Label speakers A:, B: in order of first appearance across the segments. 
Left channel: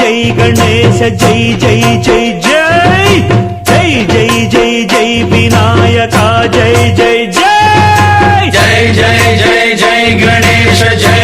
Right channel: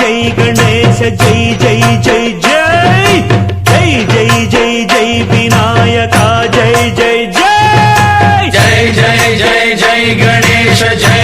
A: జై గణేశ జై జై జై జై జై జై జై జై వినాయక జై జై జై
B: జై జై జై జై గణేశ జై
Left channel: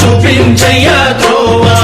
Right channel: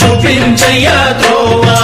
B: చూపించయ్యా త్రోవా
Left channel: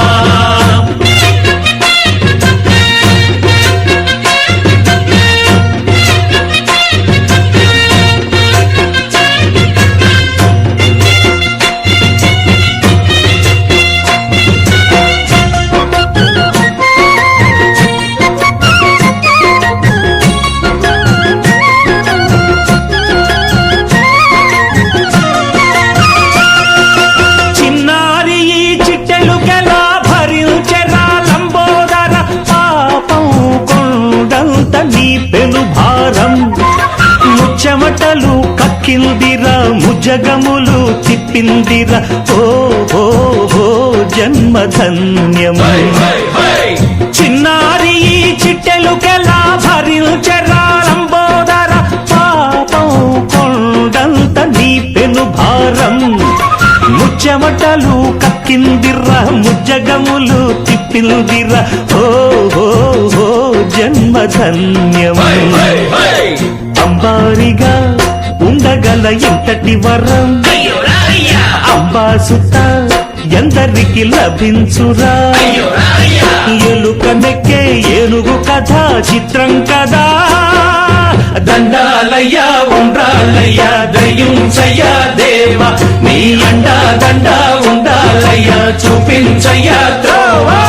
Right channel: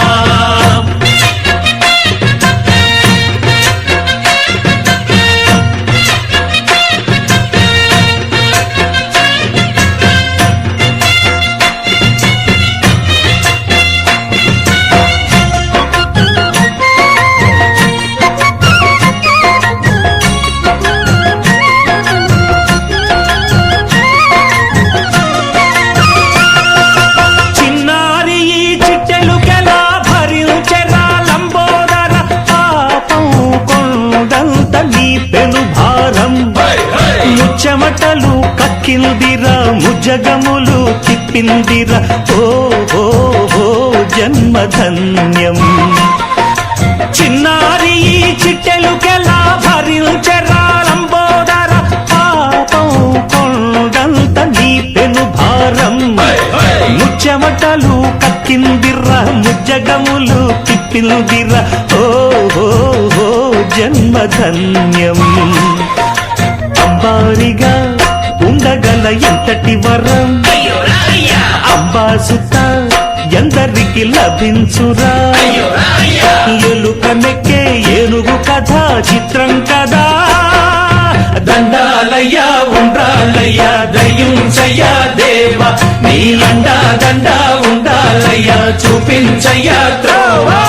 A: పెను భారం. ముచ్చమటలు కక్కిందిరా ముజగములు తిప్పిందిరా. ఓ హో హో జన్మధన్యం. చిన్నారి ఈ చిట్టెలుకెలా భరించ చెమటలు కక్కిందిర్రా ముజ్జగములు తిప్పిందిర్రా. ఓ ఓ ఓ జన్మధన్యం. అంబారిగా ఉండగల ఎంతటి వరం? అంబాసుత ఎందరికి లభించురా? ఎలుక నెక్కే ఏనుగు కథ చిత్రం కదా.
B: దండాలయ్య ఉండాలయ్య దయ్యుంచయ్య దేవ. నీ అండా దండ ఉండాలయ్యా చూపించయ్యా ద్రోవా!